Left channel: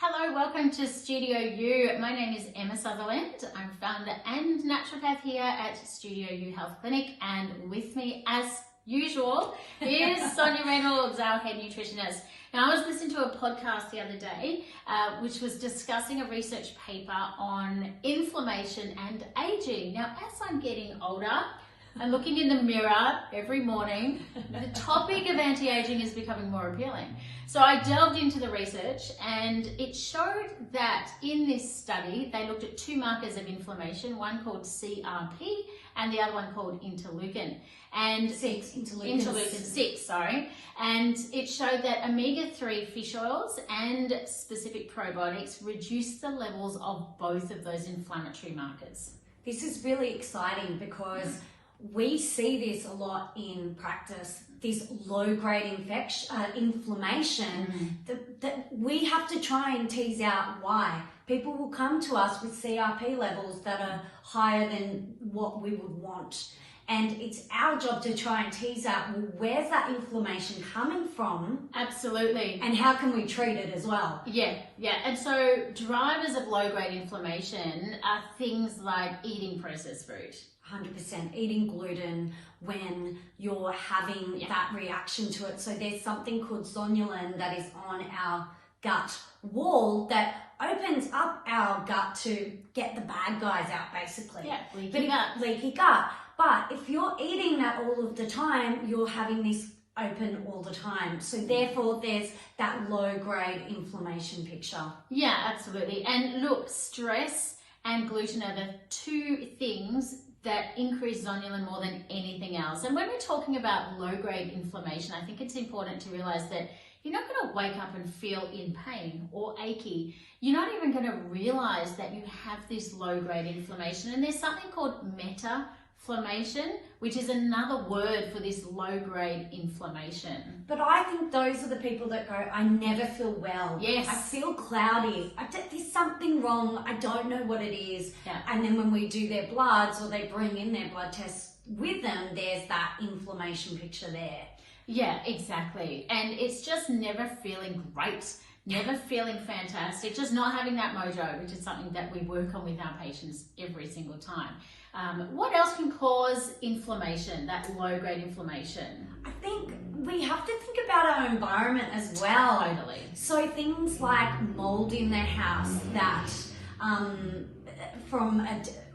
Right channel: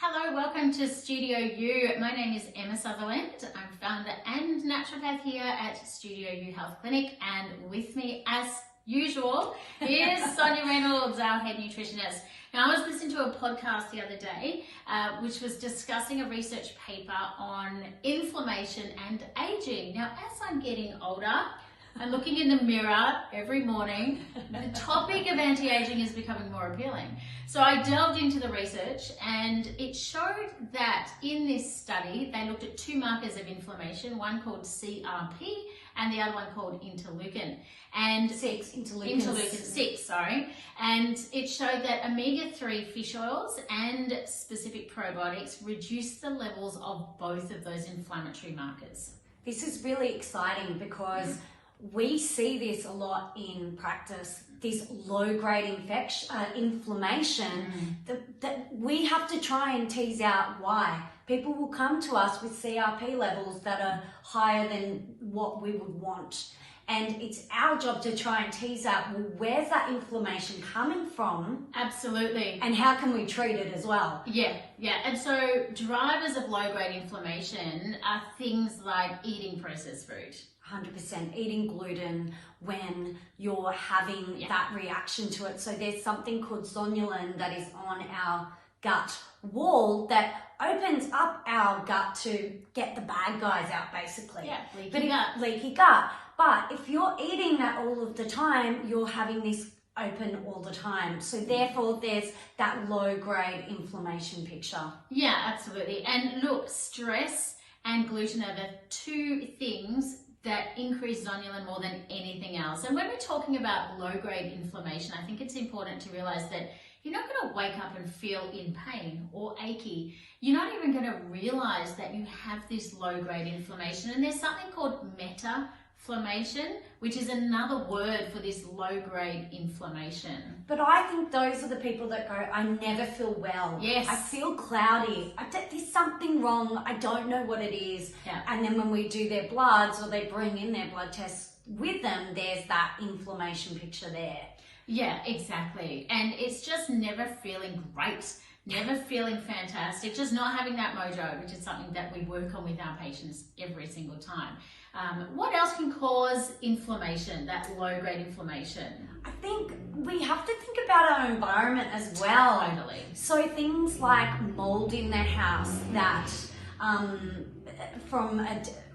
Hello, welcome to Studio U. My name is Emmasutherland. I'm founder and naturopath here at Studio U Health Clinic, and with me, as usual, is Sonya our head nutritionist. Now, I was listening to a podcast the other day, which was discussing a research paper on inflammation and aging. Now, as I'm getting older, I'm looking in the mirror every morning. The topic of anti-aging is becoming more appealing. So I delved into the research, and it showed that in this study, they looked at two markers of inflammation, one called CRP and the other one called interleukin. And interleukin 6, sorry. And it showed that omega-3 fish oils and specific probiotics reduce the levels of both of those inflammatory markers. This is really exciting because we see this a lot in practice, this low-grade inflammation, that we have to try and tease out why. People will come to us with CRP levels that are higher than what we would want. And it's our job to try and tease out, well, where's that inflammation coming from? Absolutely. And how can we treat it as well? Yeah. And so drivers of low-grade inflammation are things like eating processed food. 100%. Eating gluten when you're having that reaction to it. So there's something called zonulin that is on our gut wall that opens up our gut to get the bad guys out, basically. Yeah, leaky gut. But if you're eating that all of the time, you're having this open all the time. So therefore there's that low-grade inflammation picture. Yeah, absolutely. And look, stress and gluten are the two things that increase zonulin more than anything else. And when we're talking about low-grade inflammation, I think it's important to realize that you're not going to wake up and feel in pain or achy. You're not even going to realize that you have this low-grade inflammation. And there's something called meta-inflammation, which is another word for this low-grade inflammation. But I think those are the people that go, I never feel well. Yes. I feel cloudy. There's something wrong. I don't know what it is. Yeah. And then when we do their bloods or they bring in their blood tests with them, there's that inflammation picture there. Yeah, exactly. And it's just never feeling great, never feeling fantastic, just not having that mojo, which is something that we work on with our patients every single time. What else can cause inflammation, that low-grade inflammation? I think we have to think about our environment as well. Totally. So things like mould in their house, that from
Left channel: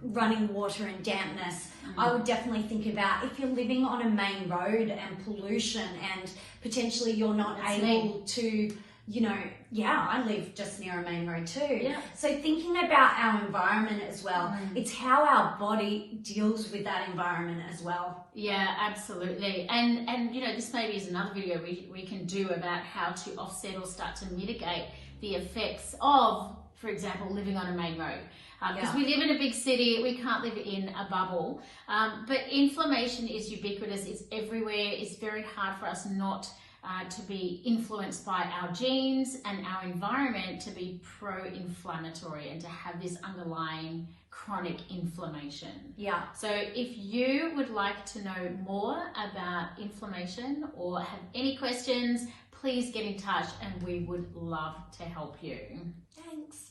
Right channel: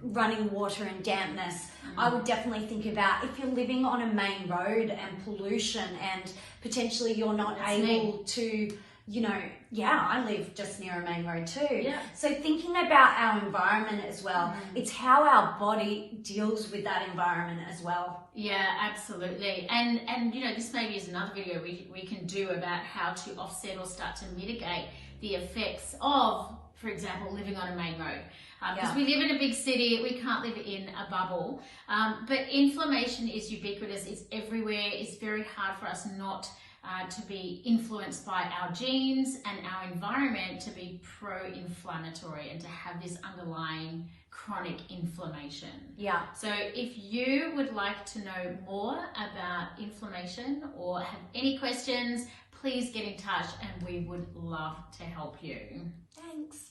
running water and dampness, I would definitely think about if you're living on a main road and pollution and potentially you're not able to, I live just near a main road too. Yeah. So thinking about our environment as well, it's how our body deals with that environment as well. Yeah, absolutely. And this maybe is another video we can do about how to offset or start to mitigate the effects of, for example, living on a main road. Because we live in a big city, we can't live in a bubble. But inflammation is ubiquitous, it's everywhere. It's very hard for us not to be influenced by our genes and our environment to be pro-inflammatory and to have this underlying chronic inflammation. Yeah. So if you would like to know more about inflammation or have any questions, please get in touch and we would love to help you. Thanks.